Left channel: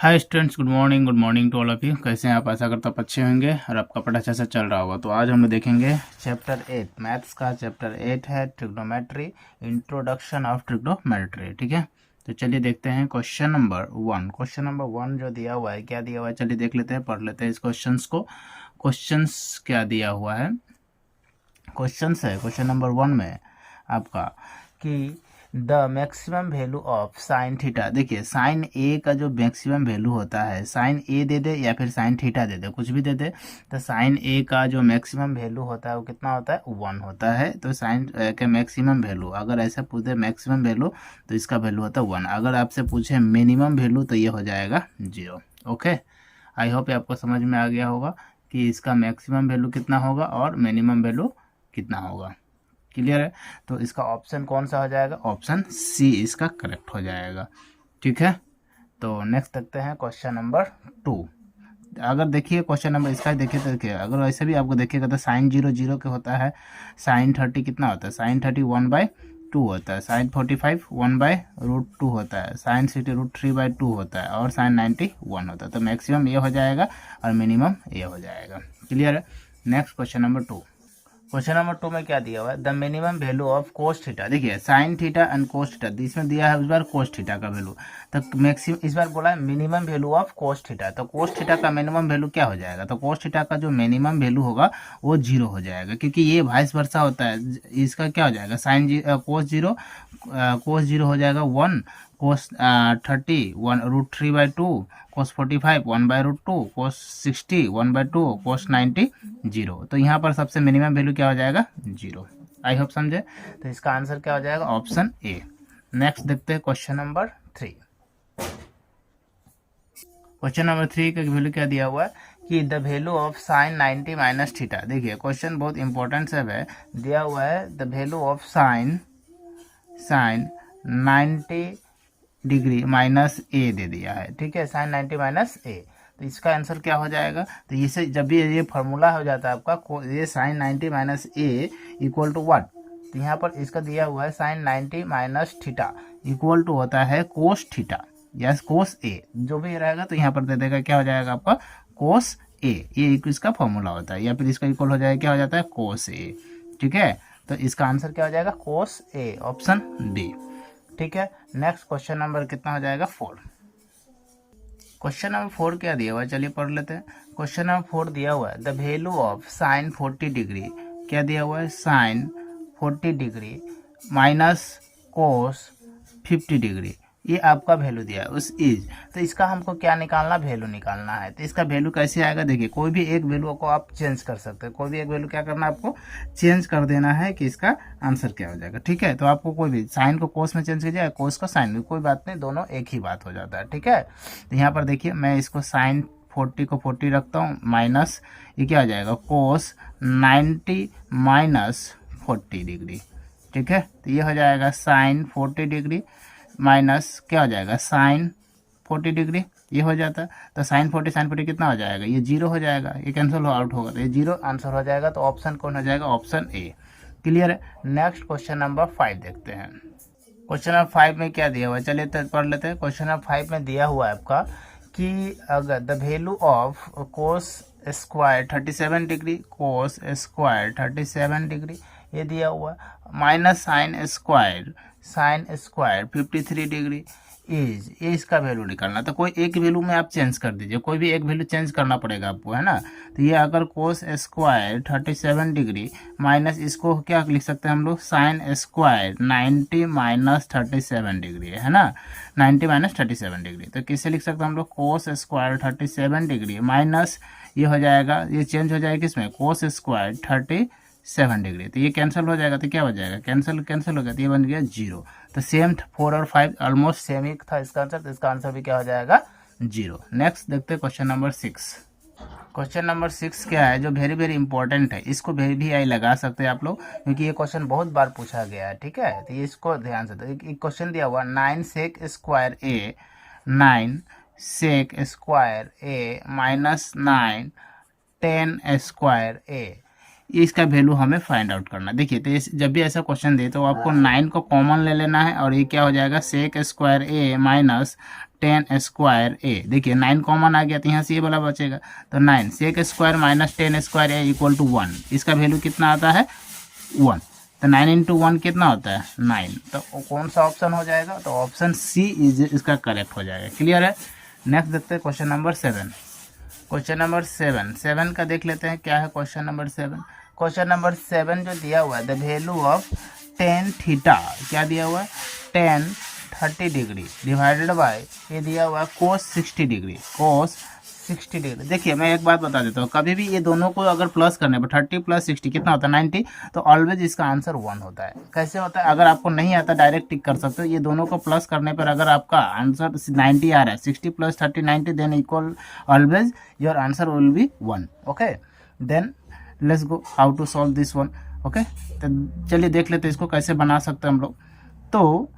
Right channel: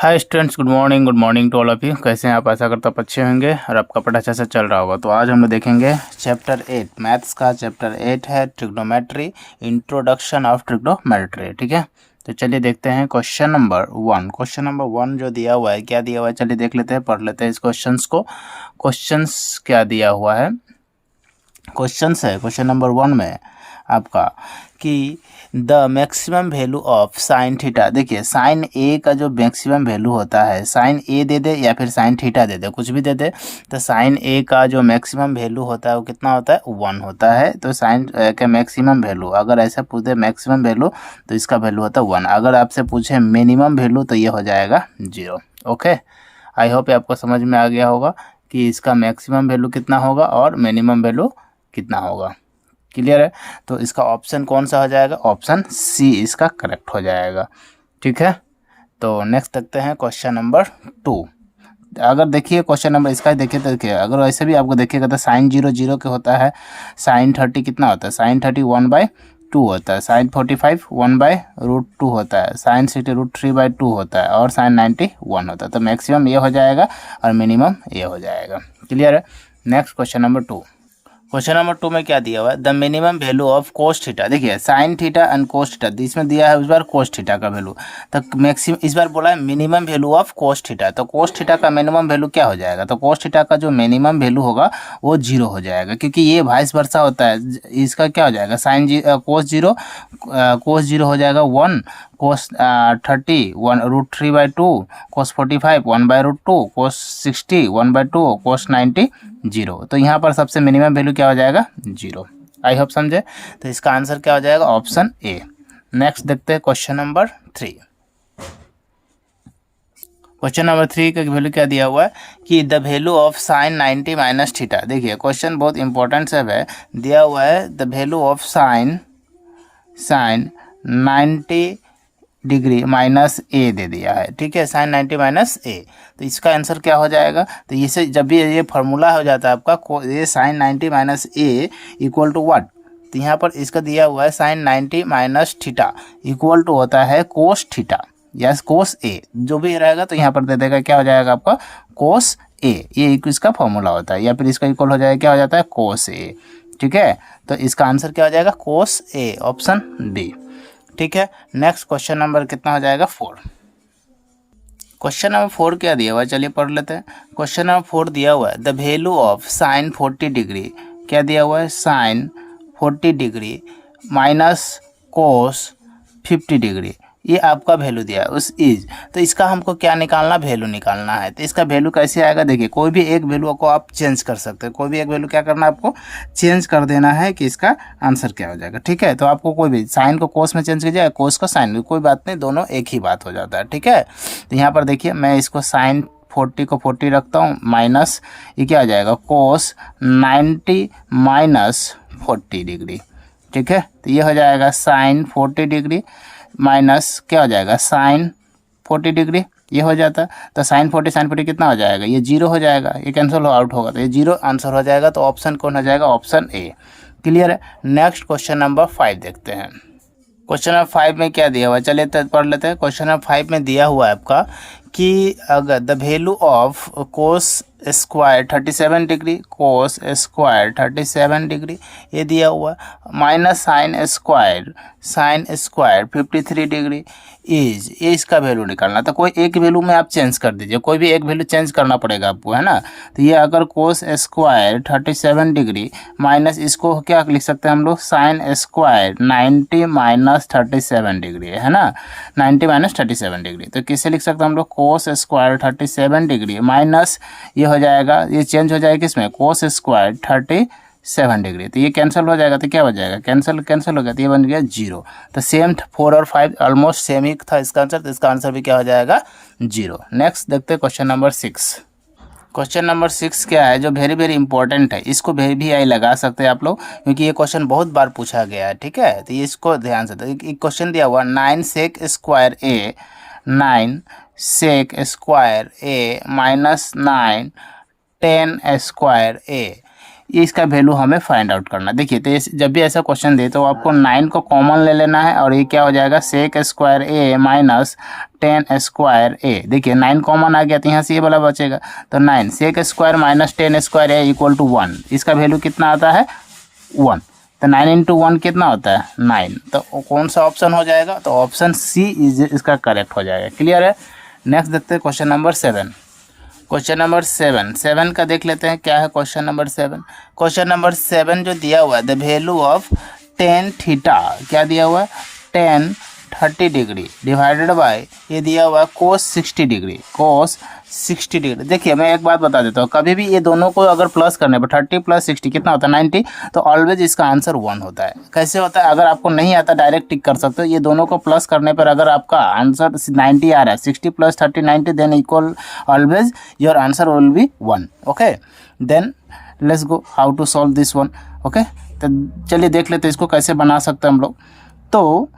Hi students, good morning to all of you. कैसे हैं आप? आशा करता हूँ अच्छे होंगे और आपका पढ़ाई अच्छा से चल रहा होगा। तो आज हम लोग देखेंगे चैप्टर 8 मैथ्स का। चैप्टर 8 है ट्रिग्नोमेट्री, इंट्रोडक्शन ऑफ ट्रिग्नोमेट्री। ठीक है, तो चलिए देखते हैं क्वेश्चन नंबर 1। क्वेश्चन नंबर 1 जो दिया हुआ है, क्या दिया हुआ है चलिए देख लेते हैं, पढ़ लेते हैं इस क्वेश्चंस को। क्वेश्चंस क्या दिया हुआ है? क्वेश्चंस है क्वेश्चन नंबर 1 में आपका कि the maximum value of sine theta. देखिए साइन ए का जो मैक्सिमम वैल्यू होता है, साइन ए दे दे या फिर साइन थीटा दे दे, कुछ भी दे दे, तो साइन ए का जो मैक्सिमम वैल्यू होता है वो कितना होता है? 1 होता है। तो साइन का मैक्सिमम वैल्यू अगर ऐसा पूछे मैक्सिमम वैल्यू तो इसका वैल्यू होता है 1। अगर आपसे पूछे मिनिमम वैल्यू तो ये हो जाएगा 0। ओके, आई होप आपको समझ में आ गया होगा कि इसका मैक्सिमम वैल्यू कितना होगा और मिनिमम वैल्यू कितना होगा। क्लियर है? तो इसका ऑप्शन कौन सा हो जाएगा? ऑप्शन सी इसका करेक्ट हो जाएगा। ठीक है, तो नेक्स्ट देखते हैं क्वेश्चन नंबर 2। अगर देखिए क्वेश्चन नंबर इसका देखिए तो देखिए, अगर वैसे भी आपको देखिएगा तो साइन 0 0 के होता है, साइन 30 कितना होता है? साइन 30 1/2 होता है, साइन 45 1/√2 होता है, साइन 60 √3/2 होता है और साइन 90 1 होता है। तो मैक्सिमम ये हो जाएगा और मिनिमम ये हो जाएगा। क्लियर है? Next question number 2। Question number 2 में क्या दिया हुआ है? The minimum value of cos theta. देखिए sine theta and cos theta, इसमें दिया है उस बार कोस थीटा का वैल्यू, तो मैक्सिमम इस बार बोला है minimum value of cos theta. तो कोस थीटा का मिनिमम वैल्यू क्या हो जाएगा? तो कोस थीटा का जो मिनिमम वैल्यू होगा वो 0 हो जाएगा, क्योंकि ये वाइस वर्सा होता है। इसका क्या हो जाएगा? साइन कोस जीरो हो जाएगा 1, कोस 30 1√3/2, कोस 45 1/√2, कोस 60 1/2, कोस 90 0। तो यहाँ पर सबसे मिनिमम वैल्यू क्या हो जाएगा? 0। आई होप समझे। तो इसका आंसर क्या हो जाएगा? Option A. नेक्स्ट देखते हैं क्वेश्चन नंबर 3। क्वेश्चन नंबर 3 का वैल्यू क्या दिया हुआ है कि the value of sine 90 minus theta. देखिए क्वेश्चन बहुत इंपॉर्टेंट सब है, दिया हुआ है the value of sine 90 degree minus A दे दिया है। ठीक है, साइन 90 माइनस ए, तो इसका आंसर क्या हो जाएगा? तो इसे जब भी ये फॉर्मूला हो जाता है आपका, ये sine 90 minus A equal to what? तो यहाँ पर इसका दिया हुआ है sine 90 minus theta equal to होता है कोस थीटा या कोस ए, जो भी रहेगा तो यहाँ पर दे देगा, क्या हो जाएगा आपका? कोस ए। ये इसका फॉर्मूला होता है, या फिर इसका इक्वल हो जाएगा, क्या हो जाता है? कोस ए। ठीक है, तो इसका आंसर क्या हो जाएगा? कोस ए, ऑप्शन बी। ठीक है, नेक्स्ट क्वेश्चन नंबर कितना हो जाएगा? 4। क्वेश्चन नंबर 4 क्या दिया हुआ है चलिए पढ़ लेते हैं। क्वेश्चन नंबर 4 दिया हुआ है the value of sine 40 degree. क्या दिया हुआ है? Sine 40 degree minus cos 50 degree, ये आपका वैल्यू दिया है उस इज। तो इसका हमको क्या निकालना? वैल्यू निकालना है। तो इसका वैल्यू कैसे आएगा? देखिए कोई भी एक वैल्यू को आप चेंज कर सकते हैं, कोई भी एक वैल्यू क्या करना है आपको? चेंज कर देना है कि इसका आंसर क्या हो जाएगा। ठीक है, तो आपको कोई भी साइन को कोस में चेंज कीजिए, कोस को साइन में, कोई बात नहीं, दोनों एक ही बात हो जाता है। ठीक है, तो यहाँ पर देखिए मैं इसको साइन 40 को 40 रखता हूँ, माइनस ये क्या आ जाएगा? कोस 90 माइनस 40 डिग्री। ठीक है, तो ये हो जाएगा साइन 40 डिग्री माइनस क्या हो जाएगा? साइन 40 डिग्री, ये हो जाता है। तो साइन 40 कितना हो जाएगा? ये 0 हो जाएगा, ये कैंसिल आउट होगा, तो ये 0 आंसर हो जाएगा। तो ऑप्शन कौन हो जाएगा? Option A. क्लियर है? नेक्स्ट क्वेश्चन नंबर 5 देखते हैं। क्वेश्चन नंबर 5 में क्या दिया हुआ है चलिए पढ़ लेते हैं। क्वेश्चन नंबर 5 में दिया हुआ है आपका कि अगर the value of cos square 37 degree, cos square 37 degree ये दिया हुआ है, minus sine square 53 degree is, ये इसका वैल्यू निकालना। तो कोई एक वैल्यू में आप चेंज कर दीजिए, कोई भी एक वैल्यू चेंज करना पड़ेगा आपको, है ना। तो ये अगर कोस स्क्वायर 37 डिग्री माइनस इसको क्या लिख सकते हैं हम लोग? साइन स्क्वायर 90 माइनस 37 डिग्री, है ना, 90 माइनस 37 डिग्री। तो किससे लिख सकते हैं हम लोग? कोस स्क्वायर 37 डिग्री माइनस ये हो जाएगा, ये चेंज हो जाएगा किसमें? Cos square 37 degree. तो ये कैंसिल हो जाएगा, तो क्या हो जाएगा? कैंसिल हो गया, तो ये बन गया 0। तो सेम 4 और 5 ऑलमोस्ट सेम ही था इसका आंसर, तो इसका आंसर भी क्या हो जाएगा? 0। नेक्स्ट देखते हैं क्वेश्चन नंबर 6। क्वेश्चन नंबर 6 क्या है जो वेरी वेरी इंपॉर्टेंट है, इसको भी आई लगा सकते हैं आप लोग, क्योंकि ये क्वेश्चन बहुत बार पूछा गया है। ठीक है, तो ये इसको ध्यान से, तो एक क्वेश्चन दिया हुआ 9 सेक स्क्वायर ए, 9 सेक स्क्वायर ए माइनस 9 10 स्क्वायर ए, इसका वैल्यू हमें फाइंड आउट करना। देखिए तो जब भी ऐसा क्वेश्चन दे तो आपको 9 को कॉमन ले लेना है और ये क्या हो जाएगा? सेक स्क्वायर ए माइनस 10 स्क्वायर ए, देखिए 9 कॉमन आ गया तो यहाँ से ये वाला बचेगा, तो 9 sec square minus 10 square A equal to 1, इसका वैल्यू कितना आता है 1, तो 9 इंटू 1 कितना होता है 9, तो कौन सा ऑप्शन हो जाएगा, तो ऑप्शन सी इज इसका करेक्ट हो जाएगा। क्लियर है। नेक्स्ट देखते हैं क्वेश्चन नंबर 7। क्वेश्चन नंबर 7 का देख लेते हैं क्या है क्वेश्चन नंबर 7। क्वेश्चन नंबर 7 जो दिया हुआ है, the value of tan theta, क्या दिया हुआ है 10 30 डिग्री डिवाइडेड बाय, ये दिया हुआ है कोस 60 डिग्री, कोस 60 डिग्री। देखिए मैं एक बात बता देता हूँ, कभी भी ये दोनों को अगर प्लस करने पर 30 प्लस 60 कितना होता है 90, तो ऑलवेज इसका आंसर 1 होता है। कैसे होता है, अगर आपको नहीं आता डायरेक्ट टिक कर सकते हो, ये दोनों को प्लस करने पर अगर आपका आंसर 90 आ रहा है, 60 plus 30 90, then equal always your answer will be 1। Okay, then let's go how to solve this one. Okay, तो चलिए देख लेते हैं इसको कैसे बना सकते हैं हम लोग। तो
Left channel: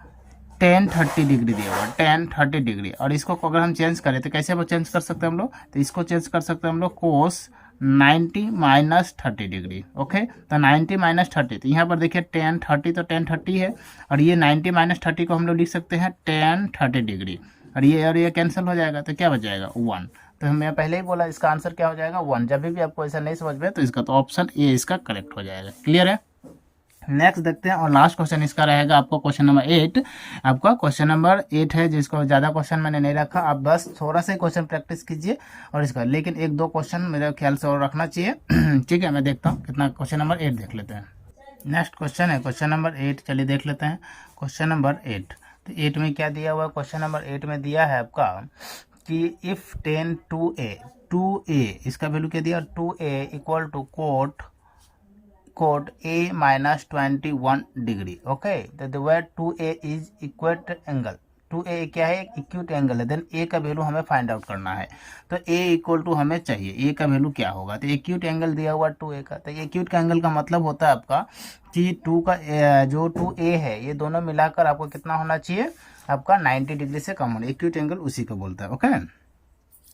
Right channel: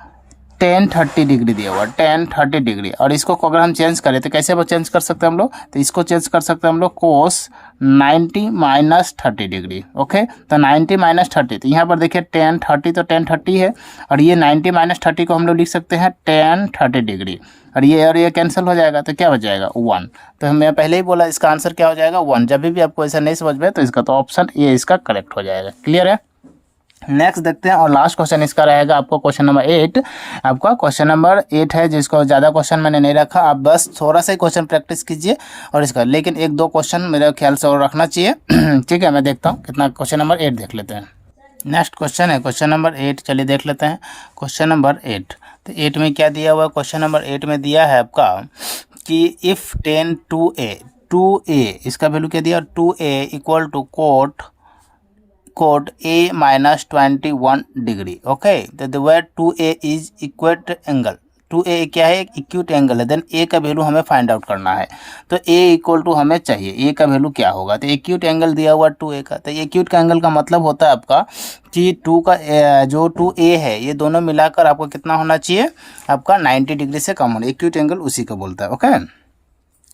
10 30 डिग्री दिया हुआ 10 30 डिग्री, और इसको अगर हम चेंज करें तो कैसे वो चेंज कर सकते हैं हम लोग, तो इसको चेंज कर सकते हैं हम लोग कोस 90 माइनस 30 डिग्री। ओके, तो 90 माइनस 30, तो यहाँ पर देखिए 10 30 तो 10 30 है, और ये 90 माइनस 30 को हम लोग लिख सकते हैं 10 30 डिग्री, और ये कैंसिल हो जाएगा, तो क्या हो जाएगा 1। तो मैं पहले ही बोला इसका आंसर क्या हो जाएगा 1। जब भी आपको ऐसा नहीं समझ में तो इसका तो ऑप्शन ए इसका करेक्ट हो जाएगा। क्लियर है। नेक्स्ट देखते हैं, और लास्ट क्वेश्चन इसका रहेगा आपको क्वेश्चन नंबर 8। आपका क्वेश्चन नंबर 8 है, जिसको ज़्यादा क्वेश्चन मैंने नहीं रखा, आप बस थोड़ा सा ही क्वेश्चन प्रैक्टिस कीजिए और इसका, लेकिन 1-2 क्वेश्चन मेरे ख्याल से और रखना चाहिए। ठीक है, मैं देखता हूँ कितना, क्वेश्चन नंबर 8 देख लेते हैं। नेक्स्ट क्वेश्चन है क्वेश्चन नंबर 8, चलिए देख लेते हैं क्वेश्चन नंबर 8। तो 8 में क्या दिया हुआ है, क्वेश्चन नंबर 8 में दिया है आपका कि इफ़ 10 2a इसका वैल्यू क्या दिया 2a equal to cot a minus 21 degree. Okay, तो the where 2a is acute angle, 2a क्या है, एक इक्यूट एंगल है, देन a का वैल्यू हमें फाइंड आउट करना है। तो a इक्वल टू हमें चाहिए a का वैल्यू क्या होगा, तो एक्यूट एंगल दिया हुआ 2a का, तो एक्यूट का एंगल का मतलब होता है आपका कि 2 का जो 2a है ये दोनों मिलाकर आपको कितना होना चाहिए, आपका 90 डिग्री से कम होना, एक्यूट एंगल उसी को बोलता है। ओके,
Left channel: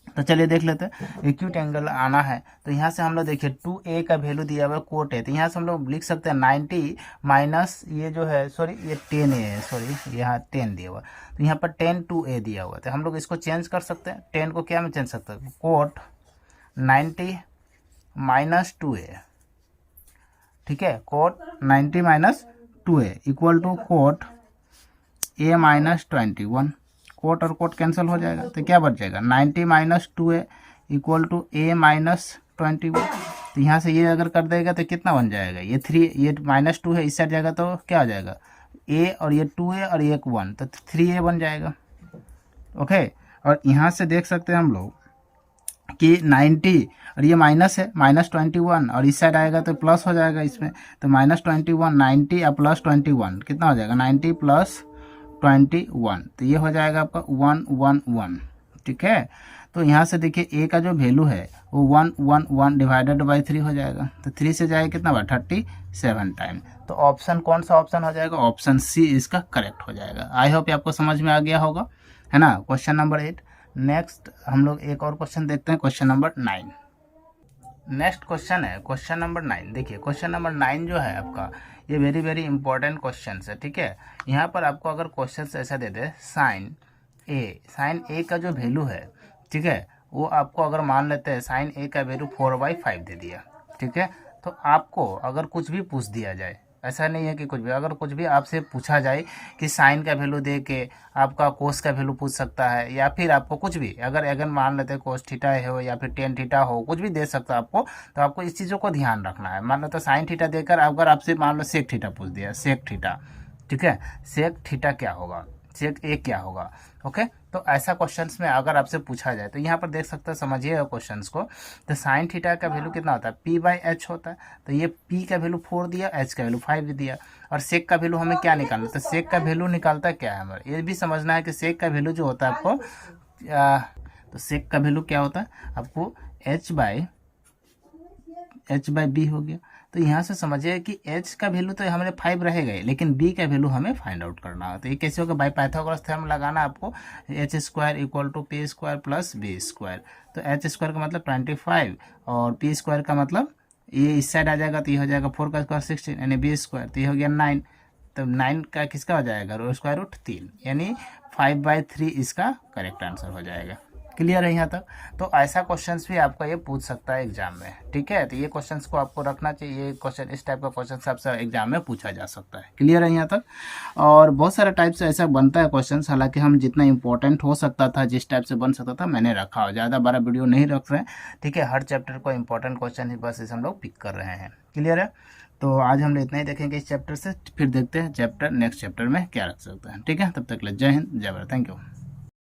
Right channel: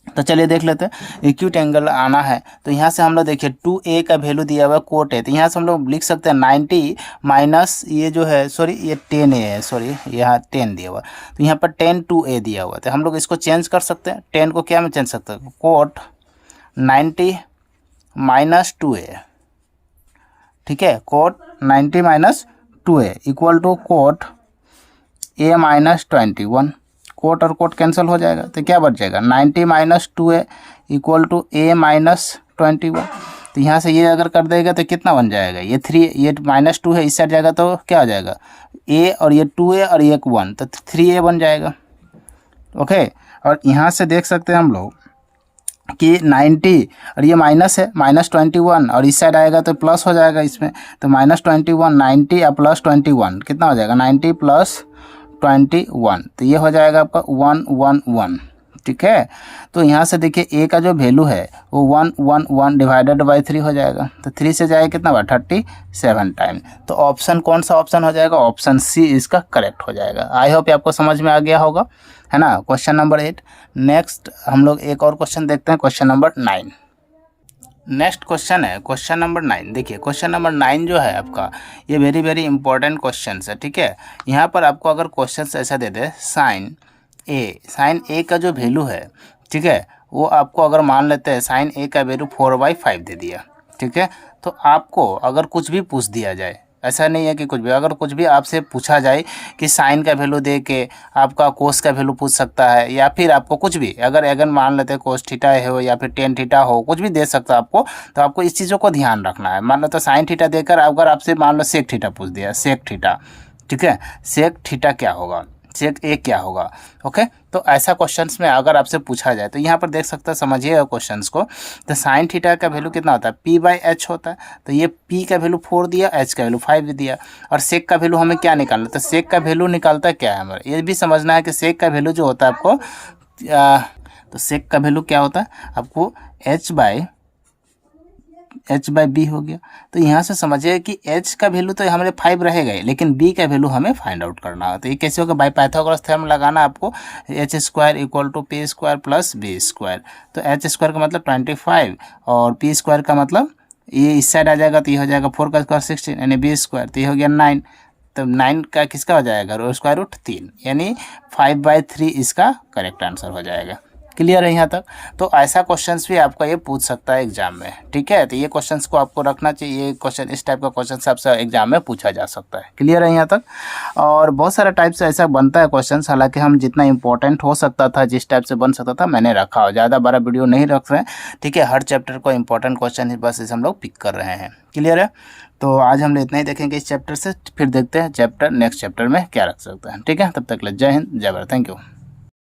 तो चलिए देख लेते हैं, एक्यूट एंगल आना है तो यहाँ से हम लोग देखिए 2a का वैल्यू दिया हुआ कोट है, तो यहाँ से हम लोग लिख सकते हैं 90 माइनस ये जो है, सॉरी ये 10a है, सॉरी यहाँ 10 दिया हुआ, तो यहाँ पर 10 2a दिया हुआ, तो हम लोग इसको चेंज कर सकते हैं, 10 को क्या में चेंज सकते हैं, कोट 90 माइनस 2a, ठीक है, cot 90 minus 2a equal to cot a minus 21, cot और कोट कैंसिल हो जाएगा, तो क्या बच जाएगा 90 minus 2a equal to a minus 21। तो यहाँ से ये अगर कर देगा तो कितना बन जाएगा, ये 3, ये माइनस 2 है इस साइड जाएगा तो क्या हो जाएगा a, और ये 2a और ये 1, तो 3a बन जाएगा। ओके, और यहाँ से देख सकते हैं हम लोग कि 90 और ये माइनस है, माइनस 21, और इस साइड आएगा तो प्लस हो जाएगा इसमें, तो माइनस 21 90 और प्लस 21 कितना हो जाएगा 90 प्लस 21, तो ये हो जाएगा आपका 111। ठीक है, तो यहाँ से देखिए a का जो वैल्यू है वो 111 डिवाइडेड बाई 3 हो जाएगा, तो 3 से जाएगा कितना हुआ 37 टाइम। तो ऑप्शन कौन सा ऑप्शन हो जाएगा, ऑप्शन सी इसका करेक्ट हो जाएगा। आई होप आपको समझ में आ गया होगा, है ना, क्वेश्चन नंबर 8। नेक्स्ट हम लोग एक और क्वेश्चन देखते हैं, क्वेश्चन नंबर 9। नेक्स्ट क्वेश्चन है क्वेश्चन नंबर 9। देखिए क्वेश्चन नंबर 9 जो है आपका ये वेरी इंपॉर्टेंट क्वेश्चन है। ठीक है, यहाँ पर आपको अगर क्वेश्चन ऐसा दे दे साइन ए का जो वैल्यू है, ठीक है, वो आपको अगर मान लेते हैं साइन ए का वैल्यू 4/5 दे दिया, ठीक है, तो आपको अगर कुछ भी पूछ दिया जाए, ऐसा नहीं है कि कुछ भी, अगर कुछ भी आपसे पूछा जाए कि साइन का वैल्यू दे के आपका कोस का वैल्यू पूछ सकता है, या फिर आपको कुछ भी अगर मान लेते हैं कोस थीटा हो या फिर टेन थीटा हो, कुछ भी दे सकता है आपको, तो आपको इस चीज़ों को ध्यान रखना है। मान लो तो साइन थीटा देकर अगर आपसे मान लो सेक थीटा पूछ दिया, सेक थीटा, ठीक है, सेक थीटा क्या होगा, सेक ए क्या होगा। ओके, तो ऐसा क्वेश्चंस में अगर आपसे पूछा जाए तो यहाँ पर देख सकते हैं, समझिएगा क्वेश्चंस को। तो साइन थीटा का वैल्यू कितना होता है, p/h होता है, तो ये p का वैल्यू 4 दिया, h का वैल्यू 5 दिया, और सेक का वैल्यू हमें क्या निकालना, तो सेक का वैल्यू निकालता क्या है हमारा, ये भी समझना है कि सेक का वैल्यू जो होता है आपको, तो सेक का वैल्यू क्या होता है आपको h/b हो गया। तो यहाँ से समझिए कि h का वैल्यू तो हमारे 5 रहेगा ही, लेकिन b का वैल्यू हमें फाइंड आउट करना है। तो ये कैसे होगा, बाई पाइथागोरस थ्योरम लगाना आपको, h² = p² + b²। तो h² का मतलब 25 और p² का मतलब ये इस साइड आ जाएगा, तो ये हो जाएगा 4 का स्क्वायर 16 यानी b², तो ये हो गया 9। तो 9 का किसका हो जाएगा, स्क्वायर रूट 3, यानी 5/3 इसका करेक्ट आंसर हो जाएगा। क्लियर है यहाँ तक। तो ऐसा क्वेश्चंस भी आपका ये पूछ सकता है एग्जाम में, ठीक है। तो ये क्वेश्चंस को आपको रखना चाहिए, ये क्वेश्चन, इस टाइप का क्वेश्चन आपसे एग्जाम में पूछा जा सकता है। क्लियर है यहाँ तक। और बहुत सारा टाइप से ऐसा बनता है क्वेश्चन, हालांकि हम जितना इंपॉर्टेंट हो सकता था, जिस टाइप से बन सकता था, मैंने रखा हो, ज़्यादा बड़ा वीडियो नहीं रख रहे हैं, ठीक है। हर चैप्टर को इंपॉर्टेंट क्वेश्चन ही बस इसे हम लोग पिक कर रहे हैं। क्लियर है। तो आज हम लोग इतना ही देखेंगे इस चैप्टर से, फिर देखते हैं चैप्टर नेक्स्ट चैप्टर में क्या रख सकते हैं, ठीक है। तब तक के लिए जय हिंद, जय भारत, थैंक यू।